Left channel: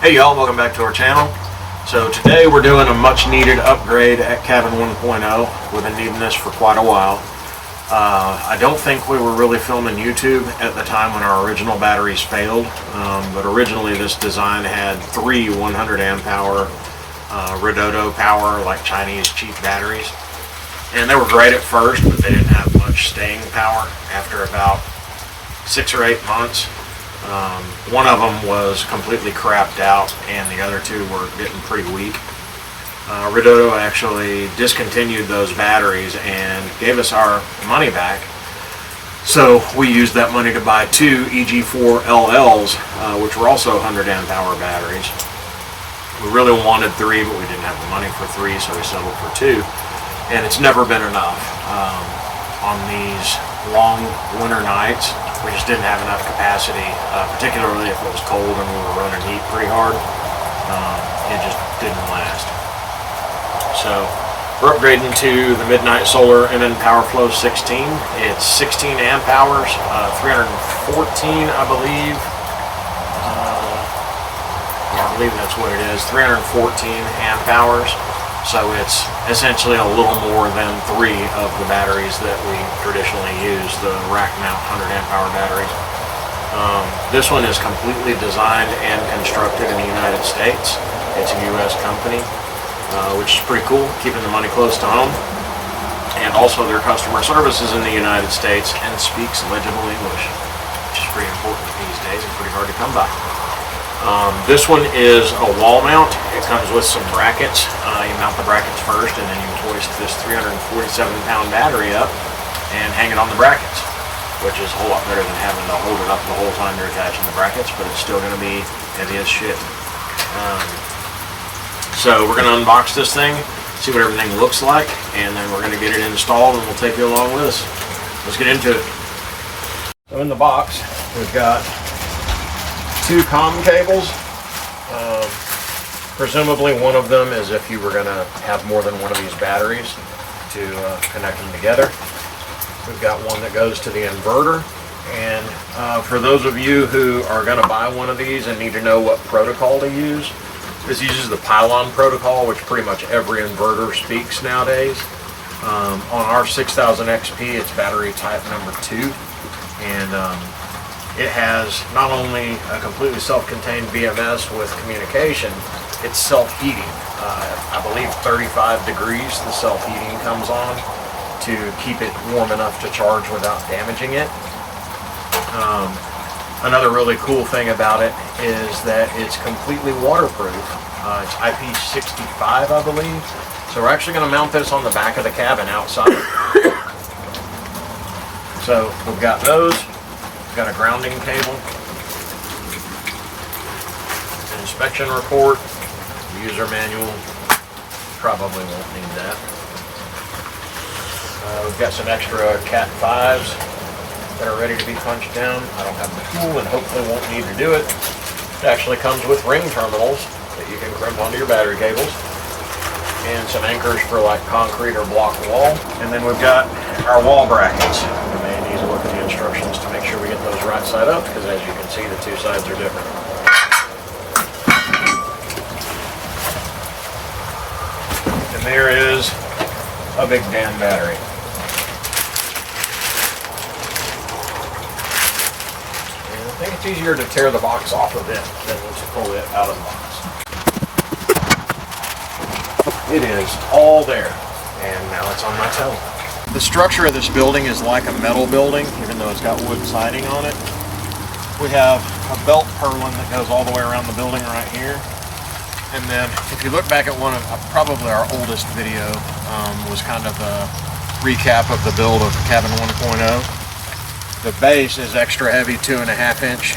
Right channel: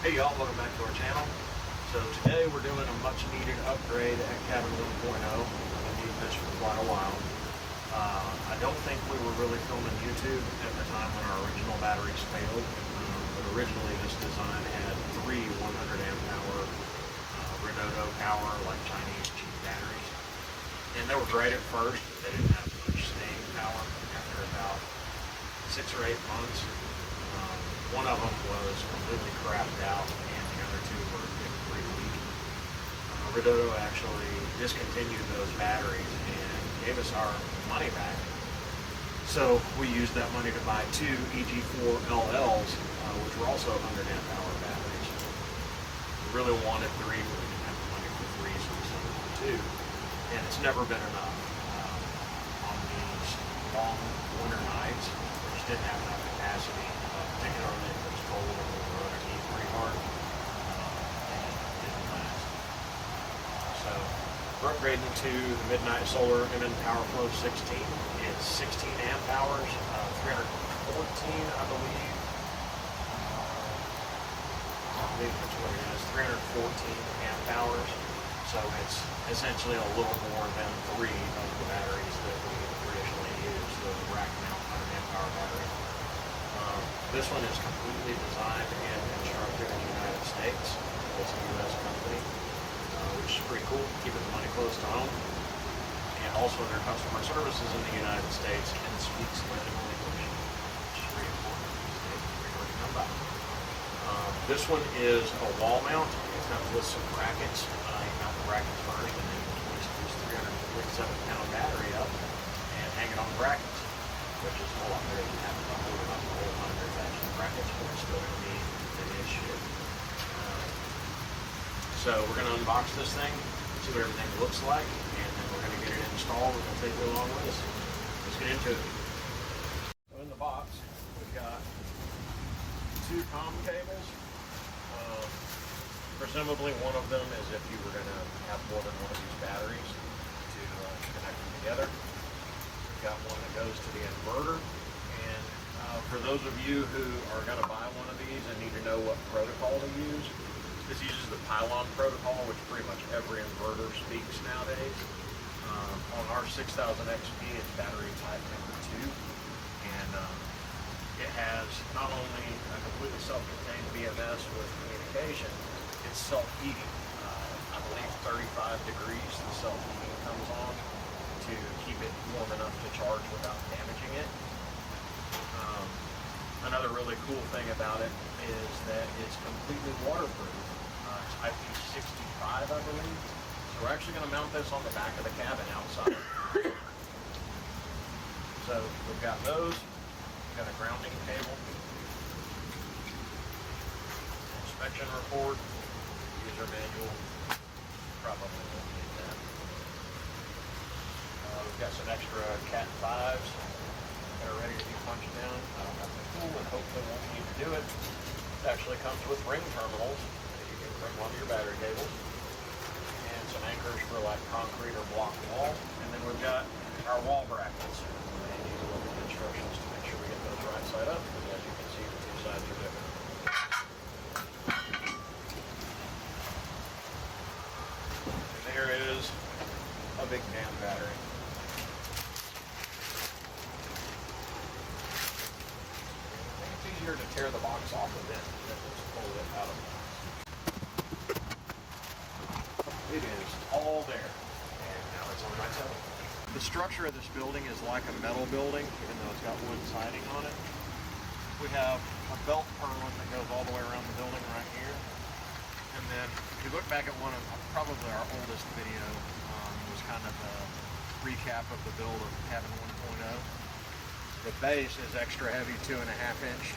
Hey y'all, welcome back to our channel. So today we're doing a much needed upgrade at cabin 1.0. We've been needing this for quite a while. I don't think we were really filming YouTube at the time when our original batteries failed, but originally this design had three 100 amp hour Redodo power, like Chinese cheap batteries. And they were great at first, but they didn't have much staying power after about 6 or 8 months. One of them was completely crapped out and the other two were getting pretty weak. Redodo actually discontinued those batteries and gave us our money back. So we used that money to buy two EG4 LLs, which were also 100 amp hour batteries. We really wanted three, but we didn't have the money for three, so we settled for two. And it's never been enough. On these long winter nights, we just didn't have enough capacity, particularly if it was cold and we were running heat pretty hard. It just didn't last. So we're upgrading to the Midnite Solar MNPowerFlo16. It's 16 amp hours, 314 I believe. Yeah, I believe that's what it is, 314 amp hours. So it's essentially a little more than three of the batteries that we traditionally use, the rack mount 100 amp hour batteries. This one is completely designed and constructed in the United States. It's a US company, which is pretty cool, keeping the money close to home. And also their customer service is in the United States and speaks legible English, which is pretty important these days and pretty hard to come by. This one is a wall mount. It comes with some brackets. You mount the brackets first and then you hoist this 347 pound battery up and hang it on the brackets, which is a whole lot better than having to hold it up the whole time you're attaching the brackets, but it's still going to be heavy as shit. So we're going to unbox this thing, see what everything looks like, and then we're going to get it installed and we'll take you along with us. Let's get into it. So in the box, we've got two COM cables. Presumably one of them is if you were going to have more than one of these batteries to connect them together. We've got one that goes to the inverter, and for those of you who are going to buy one of these and need to know what protocol to use, this uses the pylon protocol, which pretty much every inverter speaks nowadays. On our 6000 XP, it's battery type number 2, and it has not only a completely self-contained BMS with communication, it's self-heating. I believe 35 degrees the self-heating comes on to keep it warm enough to charge without damaging it. Another really cool thing about it is that it's completely waterproof. It's IP65, I believe. So we're actually going to mount this on the back of the cabin outside. So we've got those. We've got a grounding cable, an inspection report, user manual. Probably won't need that. We've got some extra Cat 5s that are ready to be punched down. I don't have the tool and hopefully won't need to do it. It actually comes with ring terminals that you can crimp onto your battery cables, and some anchors for like concrete or block wall. And then we've got our wall brackets. We may need to look at the instructions to make sure we get those right side up, because as you can see, the two sides are different. And there is a big damn battery. And I think it's easier to tear the box off of it than to pull it out of the box. It is all there, and now it's on my toe. The structure of this building is like a metal building, even though it's got wood siding on it. We have a belt purlin that goes all the way around the building right here. And then if you look back at one of probably our oldest video, was kind of a recap of the build of cabin 1.0. The base is extra heavy 2.5 inch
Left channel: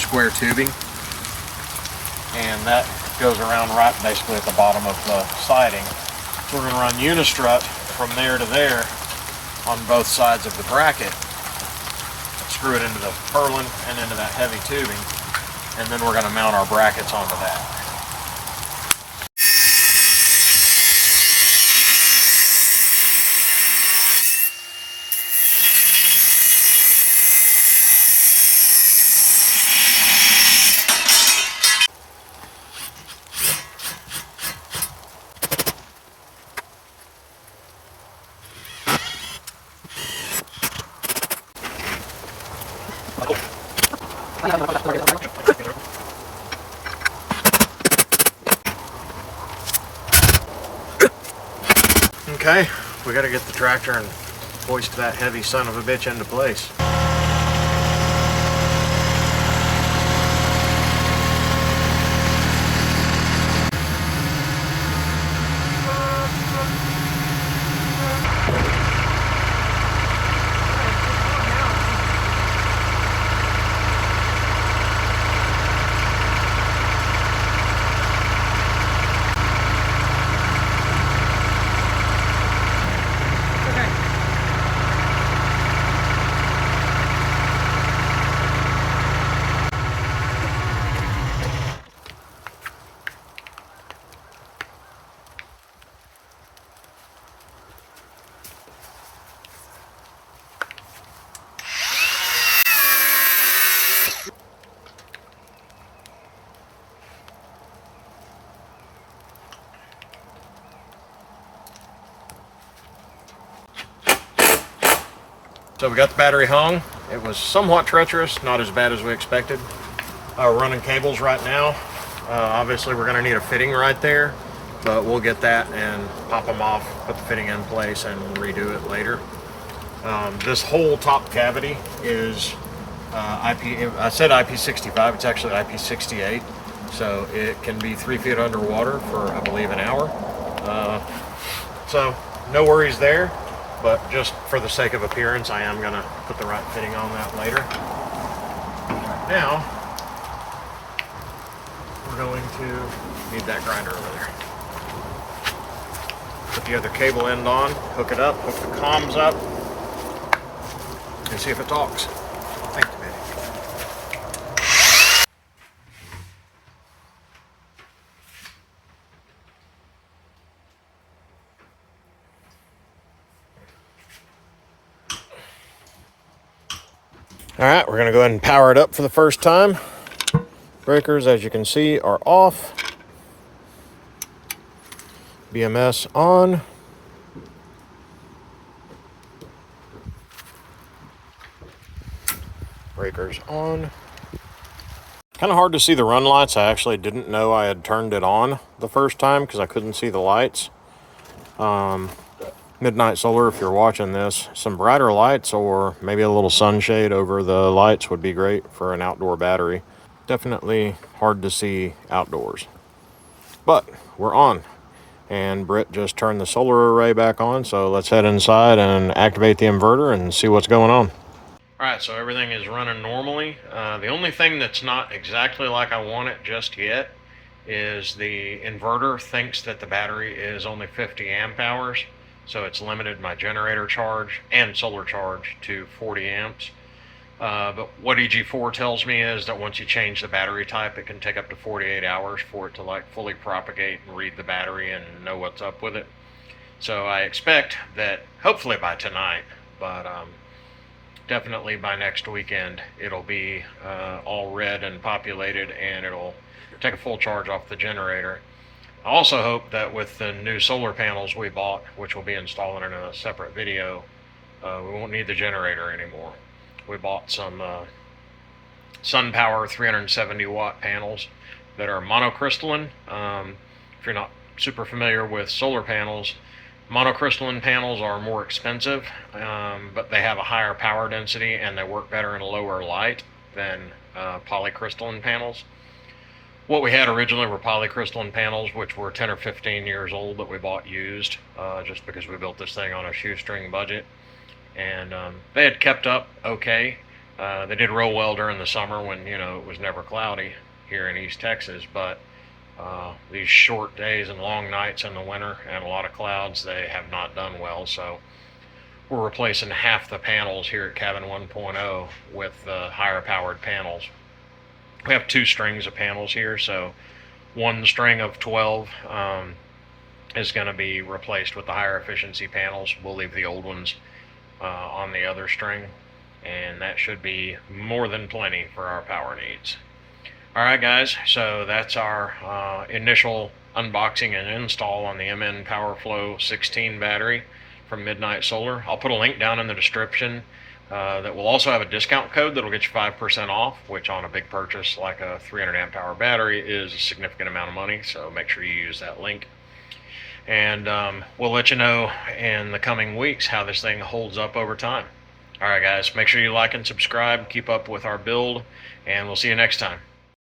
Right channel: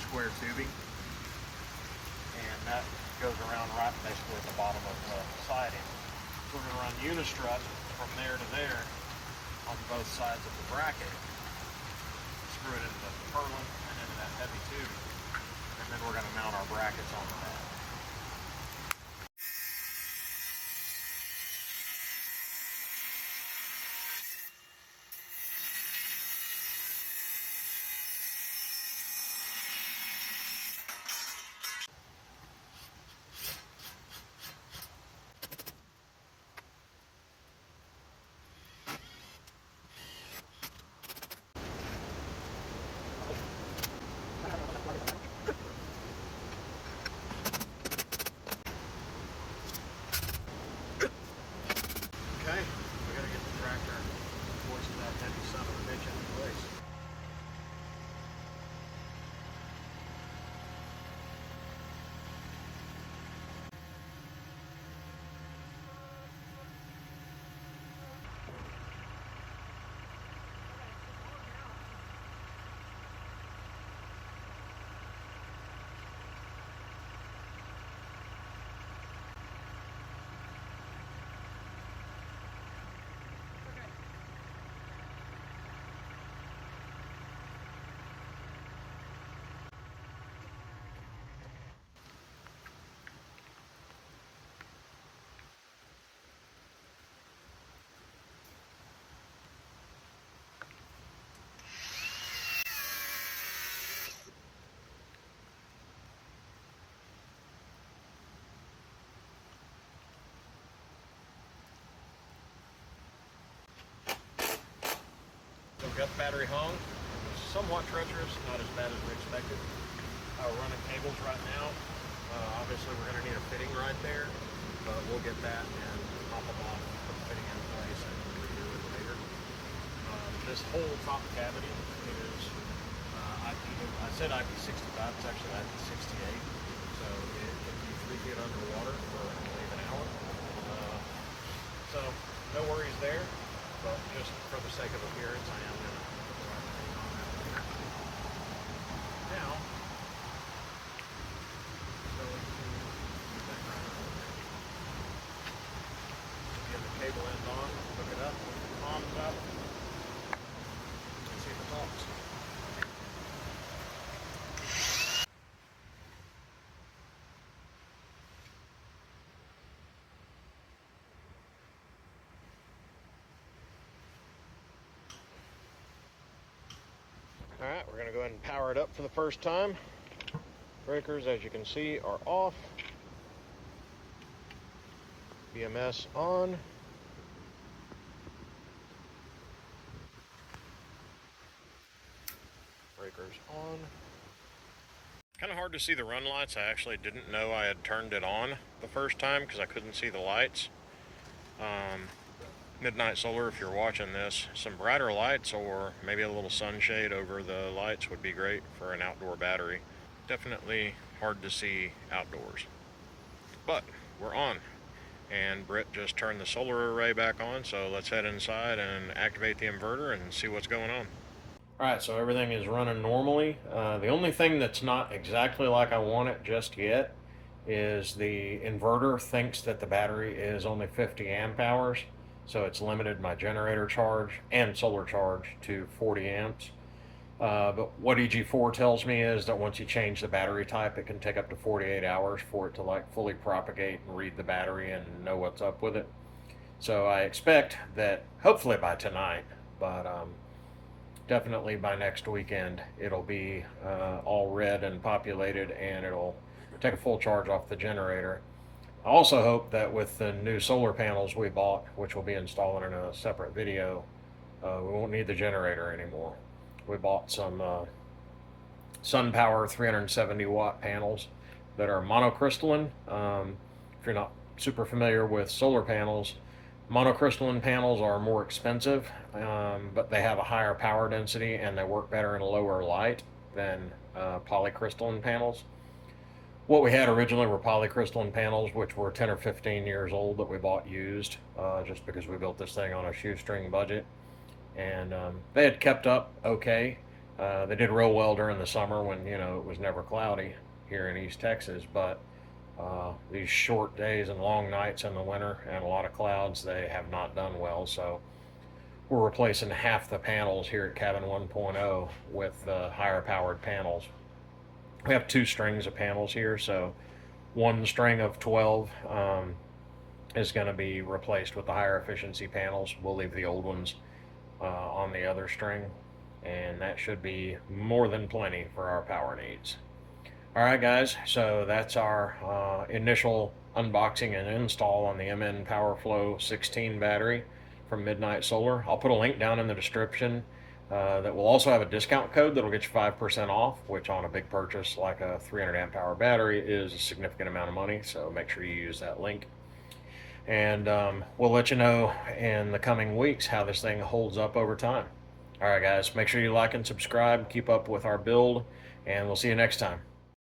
square tubing, and that goes around right basically at the bottom of the siding. So we're going to run unistrut from there to there on both sides of the bracket, screw it into the purlin and into that heavy tubing, and then we're going to mount our brackets onto that. Okay, we gotta get the tractor and hoist that heavy son of a bitch into place. So we got the battery hung. It was somewhat treacherous, not as bad as we expected. We're running cables right now. Obviously we're gonna need a fitting right there, but we'll get that and pop them off, put the fitting in place and redo it later. This whole top cavity is I said IP65, it's actually IP68. So it can be 3 feet underwater for, I believe, an hour. So no worries there. But just for the sake of appearance, I am gonna put the right fitting on that later. Right now, we're going to need that grinder over there. Put the other cable end on, hook it up, hook the comms up, and see if it talks. Thank you, baby. All right, we're gonna go ahead and power it up for the first time. Breakers, as you can see, are off. BMS on. Breakers on. Kind of hard to see the run lights. I actually didn't know I had turned it on the first time because I couldn't see the lights. Midnite Solar, if you're watching this, some brighter lights or maybe a little sunshade over the lights would be great for an outdoor battery. Definitely hard to see outdoors. But we're on. And Britt just turned the solar array back on, so let's head inside and activate the inverter and see what's going on. Alright, so everything is running normally. The only thing that's not exactly like I want it just yet is the inverter thinks that the battery is only 50 amp hours. So it's limited my generator charge and solar charge to 40 amps. But what EG4 tells me is that once you change the battery type, it can take up to 48 hours for it to like fully propagate and read the battery and know what's up with it. So I expect that hopefully by tonight, but definitely by next weekend, it'll be all red and populated and it'll take a full charge off the generator. I also hope that with the new solar panels we bought, which we'll be installing in a separate video, we won't need the generator anymore. We bought some SunPower 370 watt panels that are monocrystalline. If you're not super familiar with solar panels, monocrystalline panels are more expensive, but they have a higher power density and they work better in a lower light than polycrystalline panels. What we had originally were polycrystalline panels, which were 10 or 15 years old that we bought used, just because we built this thing on a shoestring budget. And they had kept up okay. They did real well during the summer when, you know, it was never cloudy here in East Texas, but these short days and long nights in the winter and a lot of clouds, they have not done well. So we're replacing half the panels here at Cabin 1.0 with higher powered panels. We have 2 strings of panels here, so one string of 12 is going to be replaced with the higher efficiency panels. We'll leave the old ones on the other string, and that should be more than plenty for our power needs. Alright guys, so that's our initial unboxing and install on the MNPowerFlo16 battery from Midnite Solar. I'll put a link down in the description that will also have a discount code that'll get you 5% off, which on a big purchase like a 300 amp hour battery is a significant amount of money, so make sure you use that link. and we'll let you know in the coming weeks how this thing holds up over time. All right, guys, make sure you like and subscribe, keep up with our build, and we'll see you next time.